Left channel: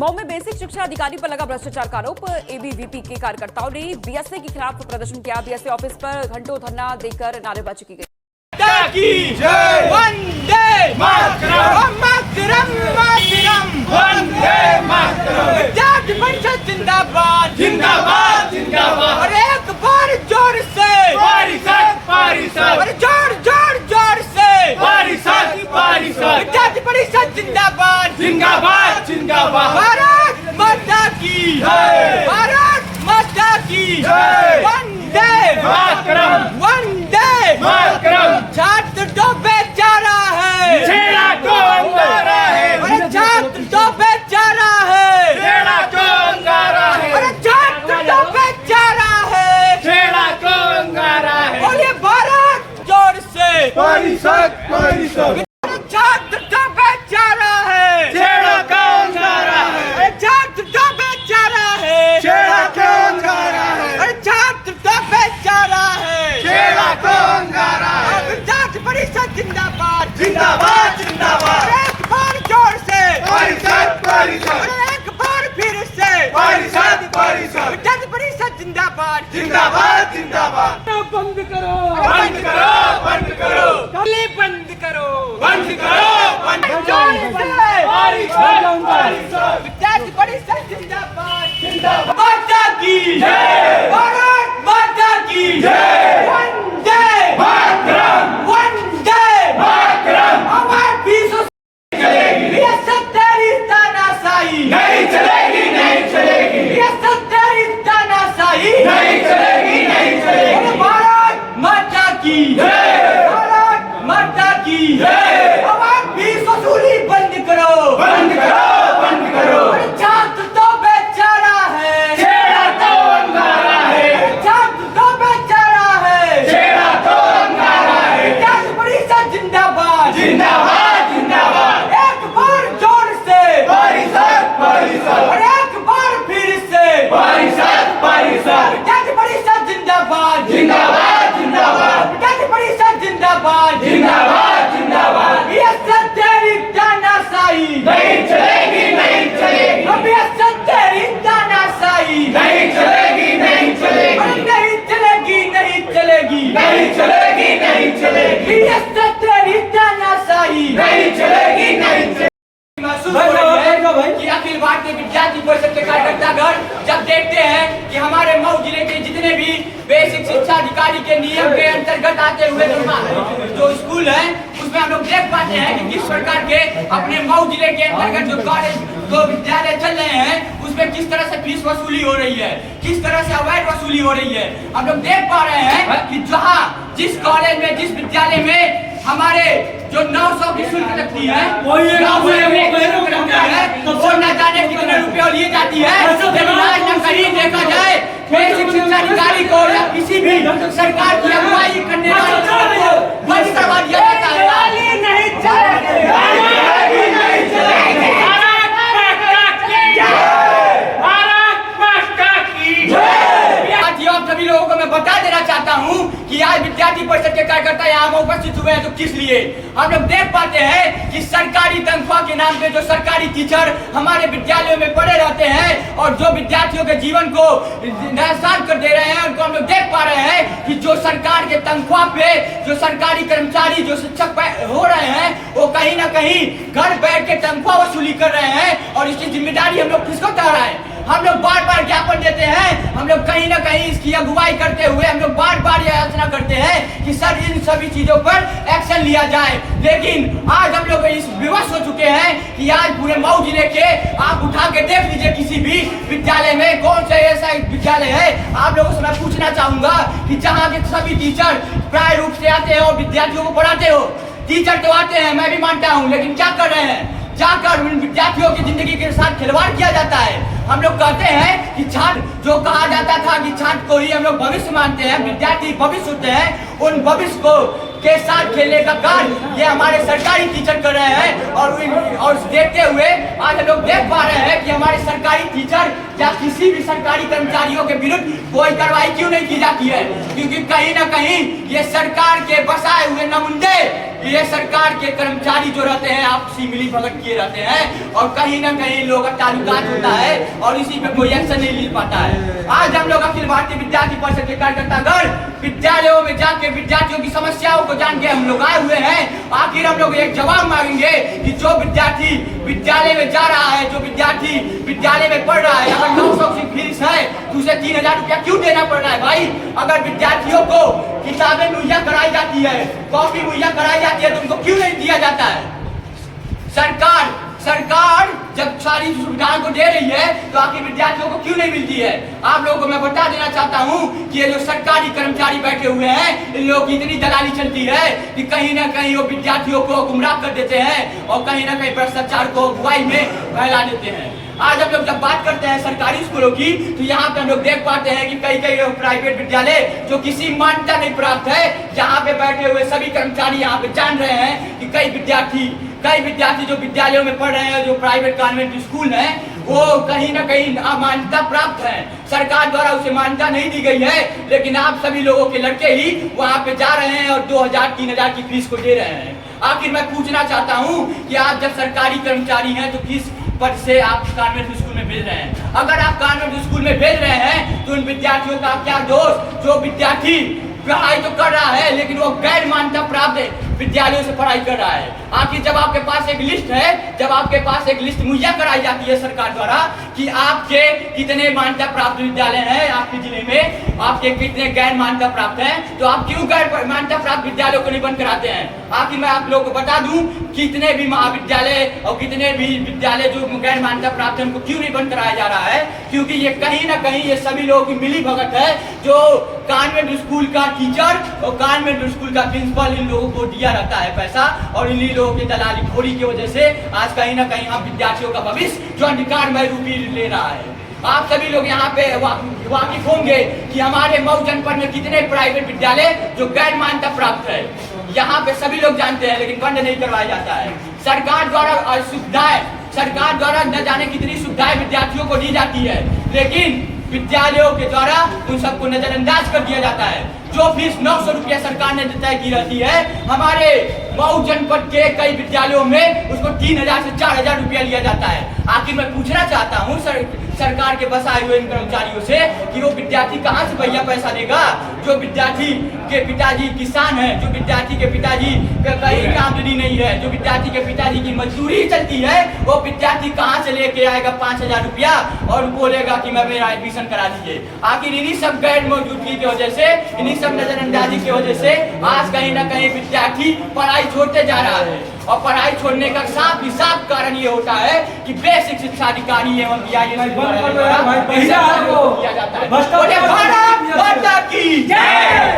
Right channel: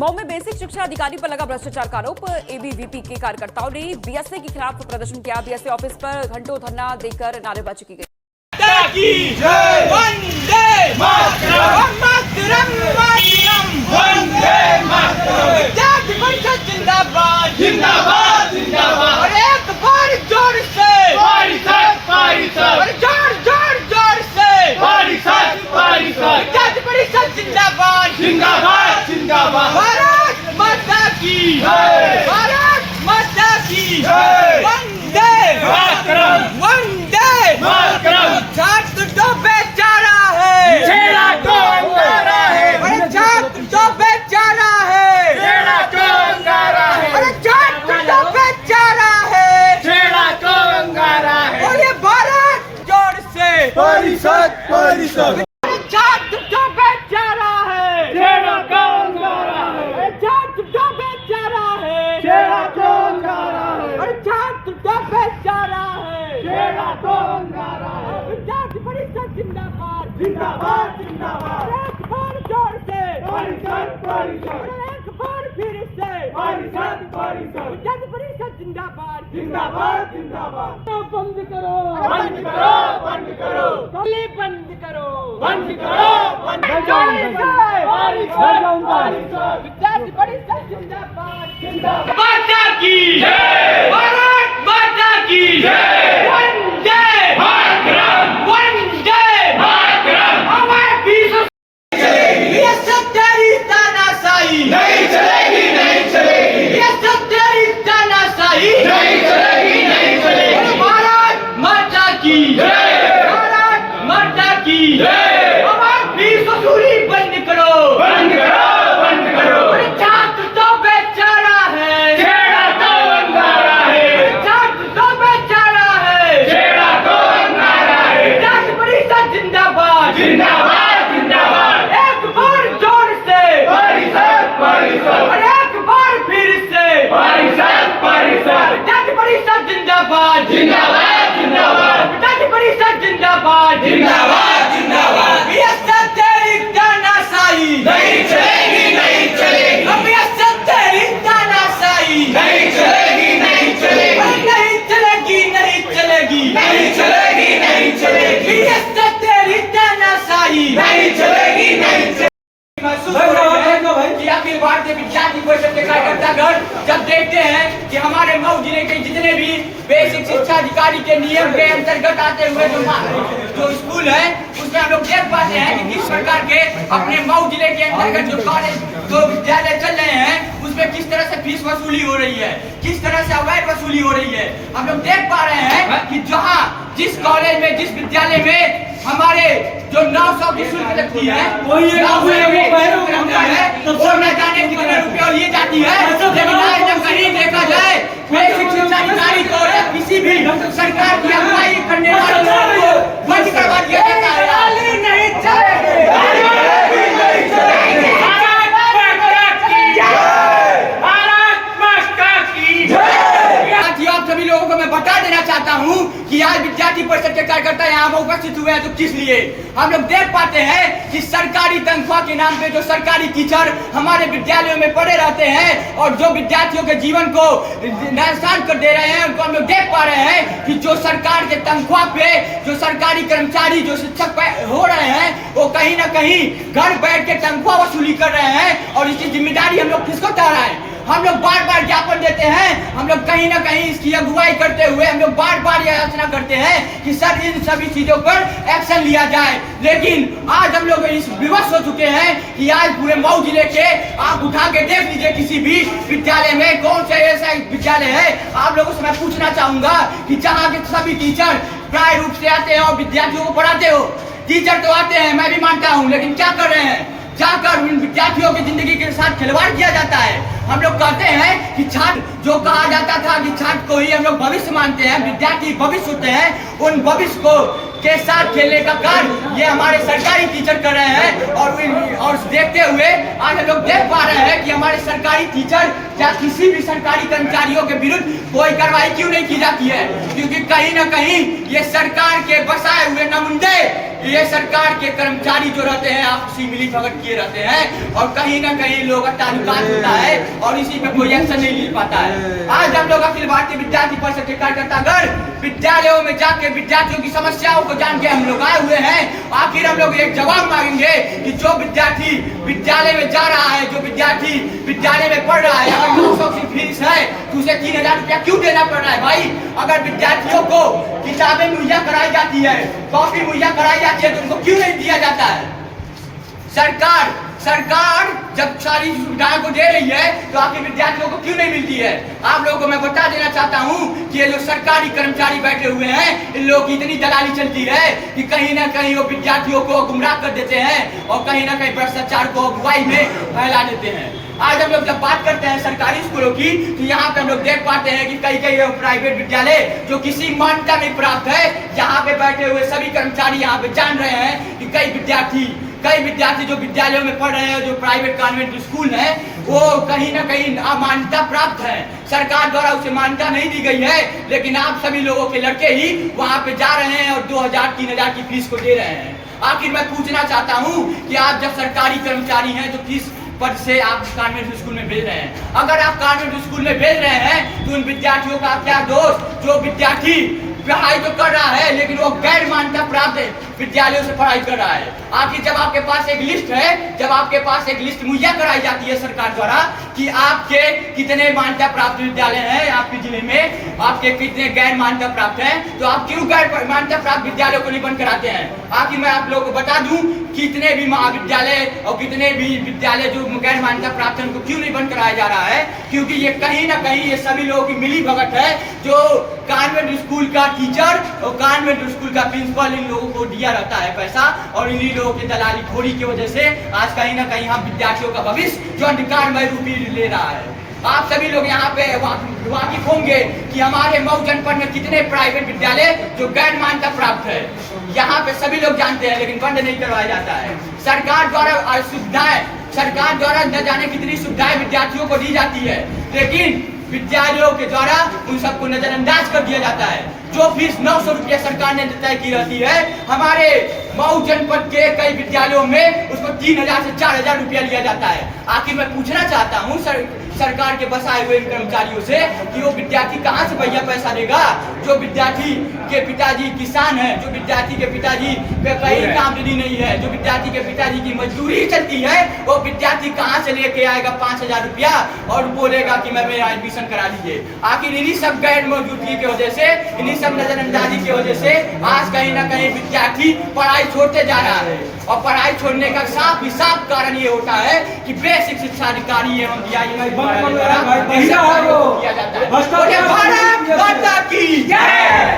मऊ में बेसिक शिक्षा अधिकारी पर लगा भ्रष्टाचार का आरोप। एबीवीपी के कार्यकर्ताओं ने बीएसए के खिलाफ प्रदर्शन किया। बीएसए ऑफिस पर घंटों धरना देकर नारेबाजी की गई। वंदे मातरम मातरम मातरम वंदे मातरम। विद्यार्थी परिषद जिंदाबाद जिंदाबाद जिंदाबाद। और एक बार जोर से परिषद परिषद। और जोर जोर जोर से परिषद परिषद। विद्यार्थी परिषद जिंदाबाद जिंदाबाद जिंदाबाद। भारत माता की जय। भारत माता की जय। वंदे मातरम वंदे मातरम। छात्र तो बेचारा है, छेड़ा को अंगारा है। अरे छात्र तो बेचारा है, छेड़ा को अंगारा है। अरे छात्र तो बेचारा है, छेड़ा को अंगारा है। बोलिए भारत जोर से परिषद परिषद। छात्र तो बेचारा है, छेड़ा को अंगारा है। अरे छात्र तो बेचारा है, छेड़ा को अंगारा है। अरे छात्र तो बेचारा है, छेड़ा को अंगारा है। विद्यार्थी परिषद जिंदाबाद जिंदाबाद जिंदाबाद। एक बार जोर से परिषद परिषद। एक बार फिर से परिषद परिषद। विद्यार्थी परिषद जिंदाबाद जिंदाबाद जिंदाबाद। बंद करो बंद करो बंद करो। गली बंद करो बंद करो बंद करो। विद्यार्थी परिषद जिंदाबाद जिंदाबाद। माता की जय। भारत माता की जय। वंदे मातरम वंदे मातरम। हमारे पीछे चलेगी ये सत्तेरी तानाशाही नहीं चलेगी नहीं चलेगी। ये सत्तेरी तानाशाही नहीं चलेगी नहीं चलेगी। भारत माता की जय। भारत माता की जय। हमारे फीस वसूली बंद करो बंद करो बंद करो। छात्र तो बेचारा है, छेड़ा तो अंगारा है। छात्र तो बेचारा है, छेड़ा तो अंगारा है। विद्यार्थी परिषद जिंदाबाद जिंदाबाद जिंदाबाद। एक बार जोर से परिषद परिषद। और एक बार फिर से परिषद परिषद। विद्यार्थी परिषद जिंदाबाद जिंदाबाद जिंदाबाद। विद्यार्थी परिषद जिंदाबाद जिंदाबाद जिंदाबाद। ये सत्तेरी तानाशाही नहीं चलेगी नहीं चलेगी। अब ये सत्तेरी तानाशाही नहीं चलेगी नहीं चलेगी। नहीं चलेगी नहीं चलेगी नहीं चलेगी नहीं चलेगी। ये सत्तेरी तानाशाही नहीं चलेगी नहीं चलेगी। महसूस हो रहा है कि अखिल भारतीय विद्यार्थी परिषद के कार्यकर्तागण जब देखते हैं कि हमारे मऊ जिले के जितने भी बेसिक शिक्षा अधिकारी के नियम के अंतर्गत आते हुए जो स्कूल है उसमें हम लोग देख पाते हैं कि किस प्रकार के अपने मऊ जिले के अंतर्गत जो कॉलेज जो विद्यालय चल रहे हैं उसमें किस तरह से फीस वसूली हो रही है, किस तरह से अवैध वसूली हो रही है। हम लोग देख पा रहे हैं कि जहाँ जिस कॉलेज में जिस विद्यालय में हमारे जो 900 की शुल्क लगती है वो न जाने कितने रुपए लिए जाती है। लेकिन आज कहीं देखा जाए बेसिक शिक्षा अधिकारी को या किसी भी सरकार की अगुवाई करने वाले को बंद करवा दिया जाता है। सभी लोगों को मैं बता देना चाहता हूं कि आज विद्यार्थी परिषद के कार्यकर्ता यहाँ पर उपस्थित हुए हैं तो किस लिए। हम लोग देख पाते हैं कि सरकारी तनख्वाह के नाम पे जो सरकारी टीचर हमारे विद्यालयों में पढ़े रहते हैं और जो विद्यार्थियों के जीवन को नुकसान कर दे रहे हैं उनको हम लोग देख पा रहे हैं कि जो सरकार के तनख्वाह पे जो सरकारी कर्मचारी जो शिक्षक हो रहे हैं वो कहीं ना कहीं घर बैठ के तनख्वाह वसूली कर रहे हैं। और इसकी जिम्मेदारी हम लोग किसको चाह रहा है। हम लोग बार बार ज्ञापन देते हैं, हम लोग कहीं ना कहीं इसकी अगुवाई करते हुए हम लोग बार बार यह याचना करते हैं कि सर इन सभी चीजों पर एक्शन लिया जाए। लेकिन आज हम लोग इस विवश हो चुके हैं कि आज पूरे मऊ जिले के आप उठा के देख लीजिए किसी भी विद्यालय में कौन सा ऐसा विद्यालय है। आप लोगों से मैं पूछना चाहूंगा कि जहाँ के सभी टीचर प्राय रूप से आते हैं और विद्यार्थियों को पढ़ाते हो। टीचर तो आते हैं मैं भी मानता हूँ, लेकिन क्या कर रहे हैं, जाकर विद्यार्थियों की जिंदगी के साथ खिलवाड़ किया जाता है। हम लोग कहते हैं कि छात्र जो कहा जाता था कि छात्र को ही हम लोग भविष्य मानते हैं, विद्यार्थी भविष्य होते हैं, उन भविष्य को के साथ खेलने का कार्य ये हमारे सरकारी टीचर कर रहे हैं। और देखते हुए आज हम लोग देख पा रहे हैं कि हमारे सरकारी टीचर या किसी भी सरकारी कर्मचारियों के विरुद्ध कोई कार्रवाई क्यों नहीं की जाती है, क्योंकि कहीं ना कहीं ये सरकार के बसाए हुए नमुंदे ये सरकार के कर्मचारी जो रहते हैं आपसी मिली भगत किए रहते हैं और कहीं ना कहीं लोगों का ताल्लुकात होता है और इसी पे कोई एक्शन नहीं ले पाता है। आज हम लोग अखिल भारतीय विद्यार्थी परिषद के कार्यकर्तागण विद्यालयों में जाके विद्यार्थियों की समस्याओं को जान के हम लोग आए हुए हैं। आखिर हम लोग एक जवाब मांगेंगे कि जो विद्यार्थी विद्यालय में जा रहा है, जो विद्यार्थी विद्यालय में पढ़ रहा है, अगर 900 की फीस है तो उसे 3000 रुपया क्यों देना पड़ रहा है भाई? अगर विद्यार्थियों को किताबें मुहैया कराई जाती है, कॉपी मुहैया कराई जाती है तो उनको क्यों नहीं दिया जाता है? सरकार जब सारी सुविधाओं को दे रही है तो आखिर विद्यार्थियों को क्यों नहीं मिलती है? आप लोगों को मैं बता देना चाहता हूं कि ये जो सरकारी कर्मचारी बैठे हुए हैं इन लोगों की इतनी दलाली चलती है कि कहीं ना कहीं वो विद्यार्थियों को गुमराह कर देते हैं और कहीं ना कहीं भ्रष्टाचार को अगुवाई में फैला देते हैं। आज हम लोग जब बात करते हैं सरकारी स्कूलों की तो यहाँ पे हम लोग देख पाते हैं कि कई प्राइवेट विद्यालय जो किसी मान्यता नहीं प्राप्त है, यहाँ पे बैठे हुए सभी कर्मचारी यहाँ पे जान रहे हैं कि कई विद्यार्थी जो विद्यालयों में पढ़ रहे हैं, जो प्राइवेट कॉन्वेंट स्कूल है, वो कहीं ना कहीं अमान्यता प्राप्त है। सरकार द्वारा उसे मान्यता नहीं दी गई है, लेकिन आप सभी लोगों के लड़के ही वहाँ पे जा रहे हैं और 2000-3000 की फीस को दे रहे हैं। आखिर मैं पूछना चाहता हूँ कि आप जब सरकारी कर्मचारी हैं तो किस पद से आप कॉन्वेंट स्कूल में भेज रहे हैं? अगर आप कॉन्वेंट स्कूल में भेज रहे हैं तो उन विद्यार्थियों का क्या दोष जो विद्यार्थी पढ़ाई तो कर रहा है लेकिन वो गैर मान्यता प्राप्त विद्यालयों से पढ़ाई कर रहा है। आखिर जब आपके पास एक लिस्ट है, जब आपके पास एक लिस्ट मुहैया कराई जाती है सरकार द्वारा कि आपके कितने मान्यता प्राप्त विद्यालय हैं आपके जिले में, आपके कितने गैर मान्यता प्राप्त हैं, तो आप क्यों गैर मान्यता प्राप्त विद्यालयों को नहीं बंद कराते हैं? आखिर मैं आप लोगों को बता दूं कितने भी महाविद्यालय और कितने भी विद्यालय जो गैर मान्यता प्राप्त है उनको क्यों नहीं बंद कराया जा रहा है? क्योंकि ये कहीं ना कहीं ये सभी लोगों की मिली भगत है। जो कॉन्वेंट स्कूल का टीचर और कॉन्वेंट स्कूल का प्रिंसिपल इन लोगों को दिया रहता है पैसा और इन्हीं लोगों की दलाली खोरी की वजह से आज कहीं ना कहीं हम विद्यार्थियों का भविष्य जो अधिकारमय रूपी ले रहा है। आप सभी लोग यहाँ पे वाकिफ होंगे कि हमारे मऊ जनपद में कितने प्राइवेट विद्यालय जो गैर मान्यता प्राप्त है, यहाँ पे सभी लोग जानते हैं, लेकिन बंद नहीं करवाया जाता है। सरकार द्वारा न जाने कितनी सुविधाएं विद्यार्थियों को दी जाती है, लेकिन विद्यालयों के द्वारा उन सबको नजरअंदाज कर दिया जाता है। जो फीस 900 रुपया सरकार ने तय की रहती है, हमारे मऊ जनपद के कई विद्यालयों में उसको 3000 से 4000 रुपया लिया जाता है। आखिर मैं पूछना चाहता हूँ सरकार के बसाए हुए कर्मचारियों से कि वो विद्यार्थी कहाँ से भैया पैसा देगा? जो विद्यार्थी के पिताजी किसान है, जो विद्यार्थी के पिताजी का कहीं आमदनी नहीं है, जो विद्यार्थी के पिताजी की मजदूरी चलती है, वो विद्यार्थी कहाँ से लेके आएगा 5000 रुपया और बोलेगा कि मैं मेरा एडमिशन करा दीजिए? आखिर इन्हीं सब गैर मौजूदगी की वजह से, इन्हीं सब नजरअंदाजी की वजह से आज कहीं ना कहीं विद्यार्थी पढ़ाई छोड़ते जा रहा है। और पढ़ाई छोड़ने का साफ कारण ये होता है कि बेसिक शिक्षा अधिकारी एवं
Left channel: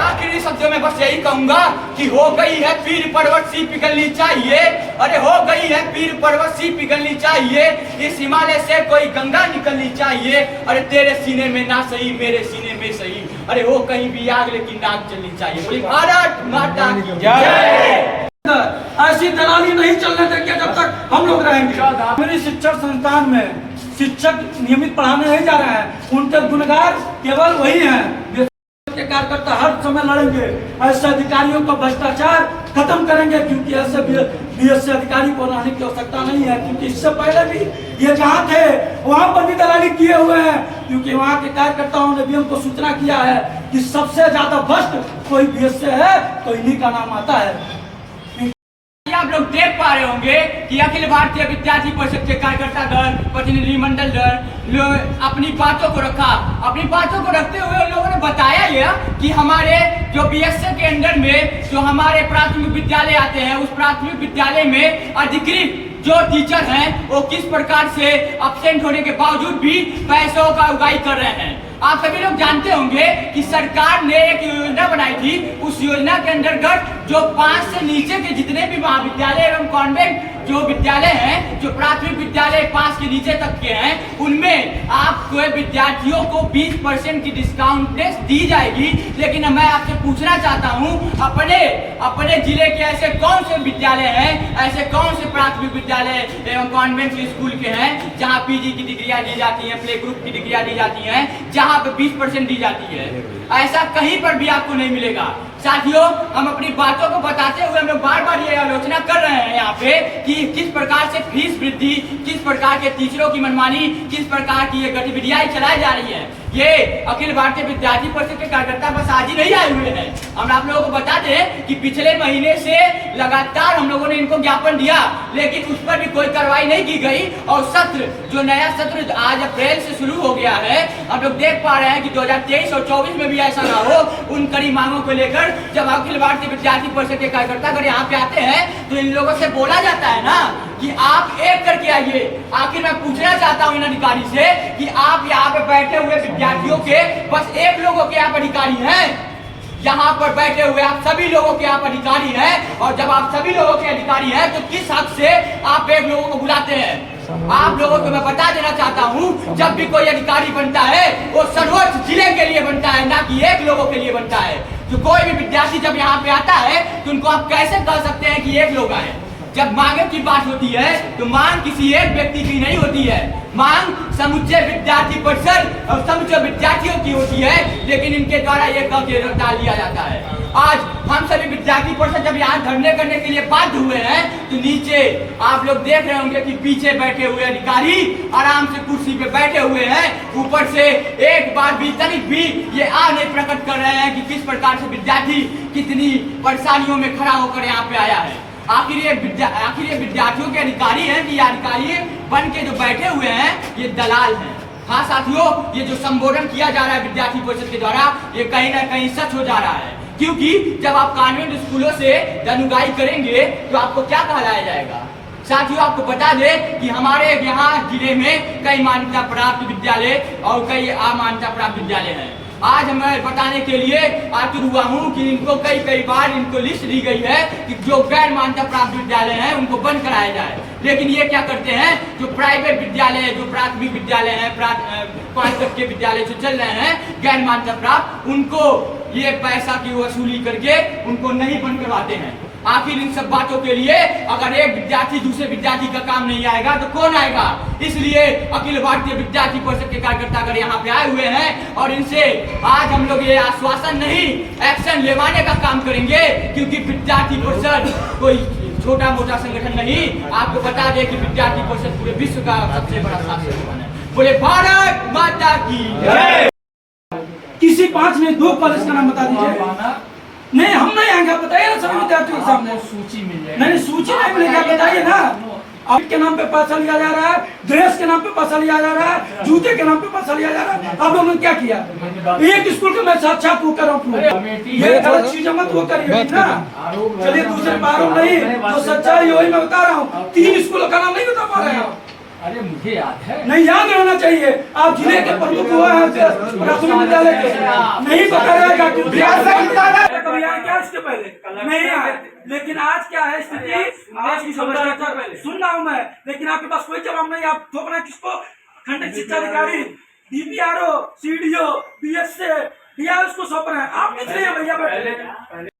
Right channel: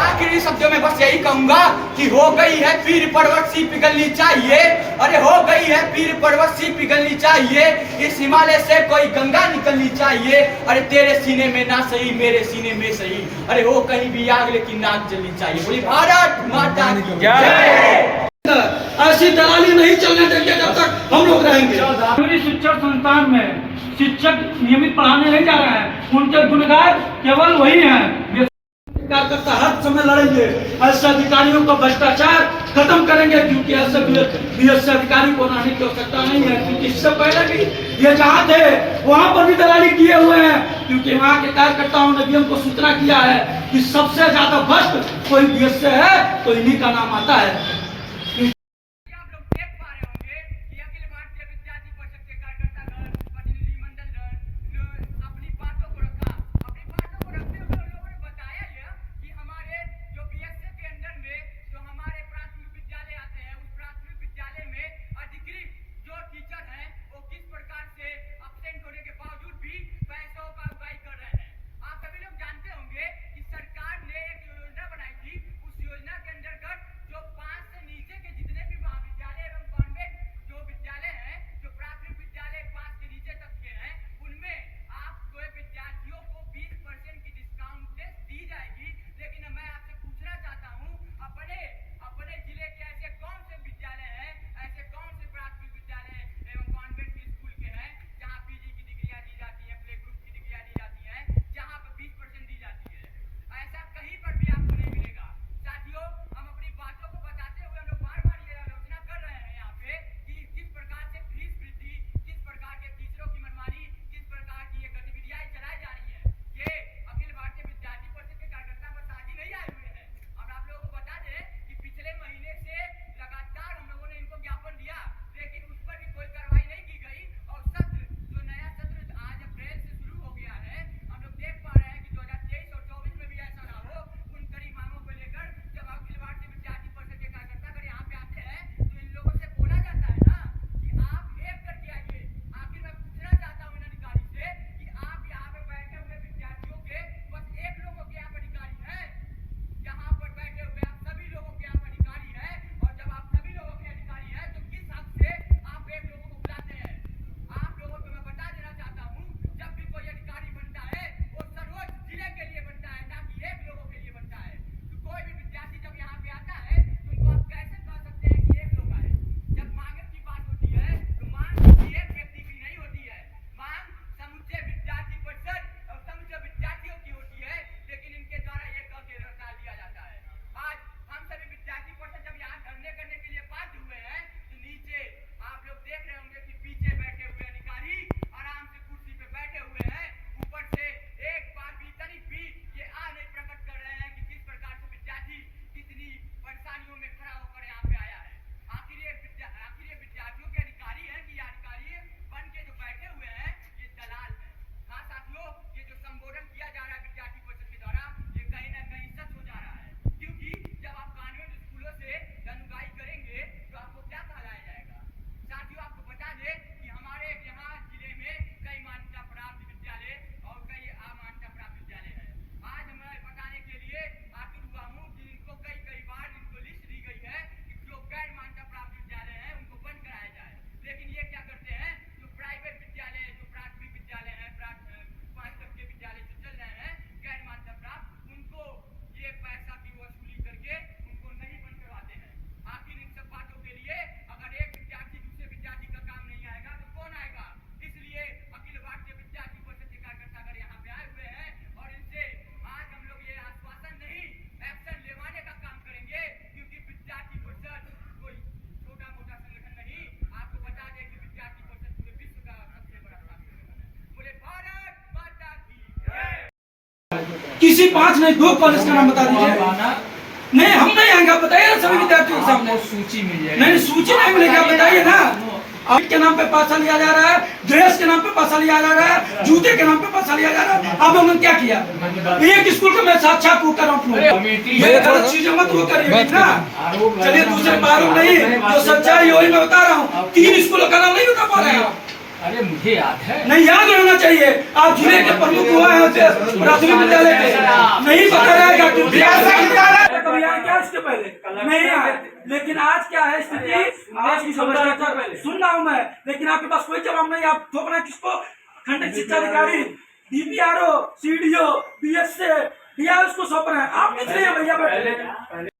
आखिरी शब्दों में बस यही कहूंगा कि हो गई है पीर पर्वत सी पिघलनी चाहिए। अरे हो गई है पीर पर्वत सी पिघलनी चाहिए, इस हिमालय से कोई गंगा निकलनी चाहिए। अरे तेरे सीने में ना सही मेरे सीने में सही, अरे हो कहीं भी आग लेकिन नाक जलनी चाहिए। बोली भारत माता की जय। ऐसी दलाली नहीं चलने देंगे जब तक हम लोग रहेंगे। मेरी शिक्षण संस्थान में शिक्षक नियमित पढ़ाने नहीं जा रहे हैं, उनके गुनहगार केवल वही हैं। कार्यकर्ता हर समय लड़ेंगे, ऐसे अधिकारियों का भ्रष्टाचार खत्म करेंगे, क्योंकि ऐसे बीएससी अधिकारी को लाने की आवश्यकता नहीं है। क्योंकि इससे पहले भी ये जहाँ थे वहाँ पर भी दलाली किए हुए हैं, क्योंकि वहाँ के कार्यकर्ताओं ने भी हमको सूचना किया है कि सबसे ज्यादा भ्रष्ट कोई बीएससी है तो इन्हीं का नाम आता है। आप लोग देख पा रहे होंगे कि अखिल भारतीय विद्यार्थी परिषद के कार्यकर्ता दल, प्रतिनिधिमंडल दल अपनी बातों को रखा। अपनी बातों को रखते हुए उन लोगों ने बताया यह कि हमारे जो बीएससी के अंदर में जो हमारे प्राथमिक विद्यालय आते हैं, उस प्राथमिक विद्यालय में अधिकृत जो टीचर हैं वो किस प्रकार से एब्सेंट होने के बावजूद भी पैसों का उगाही कर रहे हैं। आप सभी लोग जानते होंगे कि सरकार ने एक योजना बनाई थी। उस योजना के अंतर्गत जो 5 से नीचे के जितने भी महाविद्यालय एवं कॉन्वेंट जो विद्यालय हैं, जो प्राथमिक विद्यालय 5 के नीचे तक के हैं, उनमें आपको विद्यार्थियों को 20% की डिस्काउंट दी जाएगी। लेकिन मैं आपसे पूछना चाहता हूं, अपने जिले के ऐसे कौन से विद्यालय हैं, ऐसे कौन से प्राथमिक विद्यालय एवं कॉन्वेंट स्कूल के हैं जहां पीजी की डिग्रियां दी जाती हैं, प्ले ग्रुप की डिग्रियां दी जाती हैं, जहां पे 20% दी जाती है? ऐसा कहीं पर भी आपको नहीं मिलेगा। साथियों, हम अपनी बातों को बताते हुए हम लोग बार बार ये आलोचना कर रहे हैं यहाँ पे कि किस प्रकार से फीस वृद्धि, किस प्रकार के टीचरों की मनमानी, किस प्रकार की ये गतिविधियां चलाई जा रही है। ये अखिल भारतीय विद्यार्थी परिषद के कार्यकर्ता बस आज ही नहीं आए हुए हैं। हम आप लोगों को बता दें कि पिछले महीने से लगातार हम लोगों ने इनको ज्ञापन दिया, लेकिन उस पर भी कोई कार्रवाई नहीं की गई। और सत्र, जो नया सत्र आज अप्रैल से शुरू हो गया है, हम लोग देख पा रहे हैं कि 2023 और 24 में भी ऐसा ना हो। उन कड़ी मांगों को लेकर जब अखिल भारतीय विद्यार्थी परिषद के कार्यकर्ता अगर यहाँ पे आते हैं तो इन लोगों से बोला जाता है ना कि आप एक करके आइए। आखिर मैं पूछना चाहता हूँ इन अधिकारी से कि आप यहाँ पे बैठे हुए विद्यार्थियों के बस एक लोगों के आप अधिकारी हैं? यहाँ पर बैठे हुए आप सभी लोगों के आप अधिकारी हैं, और जब आप सभी लोगों के अधिकारी हैं तो किस हक से आप एक लोगों को बुलाते हैं? आप लोगों को मैं बता देना चाहता हूँ, जब भी कोई अधिकारी बनता है वो सर्वोच्च जिले के लिए बनता है, ना कि एक लोगों के लिए बनता है। तो कोई भी विद्यार्थी जब यहाँ पे आता है तो उनको आप कैसे कह सकते हैं कि एक लोग आए? जब मांगे की बात होती है तो मांग किसी एक व्यक्ति की नहीं होती है, मांग समुच्चय विद्यार्थी परिषद और समुच्चय विद्यार्थियों की होती है, लेकिन इनके द्वारा ये कह के टाल दिया जाता है। आज हम सभी विद्यार्थी परिषद जब यहाँ धरने करने के लिए बाध्य हुए हैं तो नीचे आप लोग देख रहे होंगे कि पीछे बैठे हुए अधिकारी आराम से कुर्सी पे बैठे हुए हैं, ऊपर से एक बार भी तनिक भी ये नहीं प्रकट कर रहे हैं कि किस प्रकार से विद्यार्थी कितनी परेशानियों में खड़ा होकर यहाँ पे आया है। आखिर ये विद्यार्थियों के अधिकारी हैं कि अधिकारी बन के जो बैठे हुए हैं ये दलाल हैं। हाँ साथियों, ये जो संबोधन किया जा रहा है विद्यार्थी परिषद के द्वारा ये कहीं ना कहीं सच हो जा रहा है, क्योंकि जब आप कॉन्वेंट स्कूलों से दनुगाई करेंगे तो आपको क्या कहलाया जाएगा? साथियों, आपको बता दें कि हमारे यहाँ जिले में कई मान्यता प्राप्त विद्यालय और कई अमान्यता प्राप्त विद्यालय हैं। आज मैं बताने के लिए आतुर हुआ हूँ कि इनको कई बार इनको लिस्ट दी गई है कि जो गैर मान्यता प्राप्त विद्यालय हैं उनको बंद कराया जाए, लेकिन ये क्या करते हैं, जो प्राइवेट विद्यालय, जो प्राथमिक विद्यालय हैं, 5 तक के विद्यालय जो चल रहे हैं गैर मान्यता प्राप्त, उनको ये पैसा की वसूली करके उनको नहीं बंद करवाते हैं। आखिर इन सब बातों के लिए अगर एक विद्यार्थी दूसरे विद्यार्थी का काम नहीं आएगा तो कौन आएगा? इसलिए अखिल भारतीय विद्यार्थी परिषद के कार्यकर्ता अगर यहाँ पे आए हुए हैं और इनसे आज हम लोग ये आश्वासन नहीं, एक्शन लेवाने का काम करेंगे, क्योंकि विद्यार्थी परिषद कोई छोटा मोटा संगठन नहीं। आपको बता दें कि विद्यार्थी परिषद पूरे विश्व का सबसे बड़ा शासकीय संगठन है। बोले भारत माता की जय। किसी 5 नहीं 2 कॉलेज का नाम बता दीजिए। नहीं, हम नहीं आएंगे, बताइए ना सभी विद्यार्थियों के सामने। सूची मिल नहीं, सूची नहीं मिलेगा, बताइए ना। आउट के नाम पे पैसा लिया जा रहा है, ड्रेस के नाम पे पैसा लिया जा रहा है, जूते के नाम पे पैसा लिया जा रहा है। आप लोगों ने क्या किया? एक स्कूल का मैं साक्षात वो कर रहा हूँ, ये गलत चीजें मत वो करिए ना। चलिए दूसरे आरोप नहीं, तो सच्चाई वही मैं बता रहा हूँ। 3 स्कूलों का नाम नहीं बता पा रहे हैं। अरे मुझे याद है, नहीं याद रहना चाहिए। आप जिले के प्रमुख हुआ है प्राथमिक विद्यालय के, नहीं पता रहेगा क्योंकि कभी आए क्या इसके पहले नहीं आए, लेकिन आज क्या है स्थिति आज की सुन रहा हूँ मैं, लेकिन आपके पास कोई जवाब नहीं। आप थोपना किसको? खंडक शिक्षा अधिकारी, DPRO, CDO, BSC, उसको सौंप रहे हैं। आप किस लिए भैया बैठे?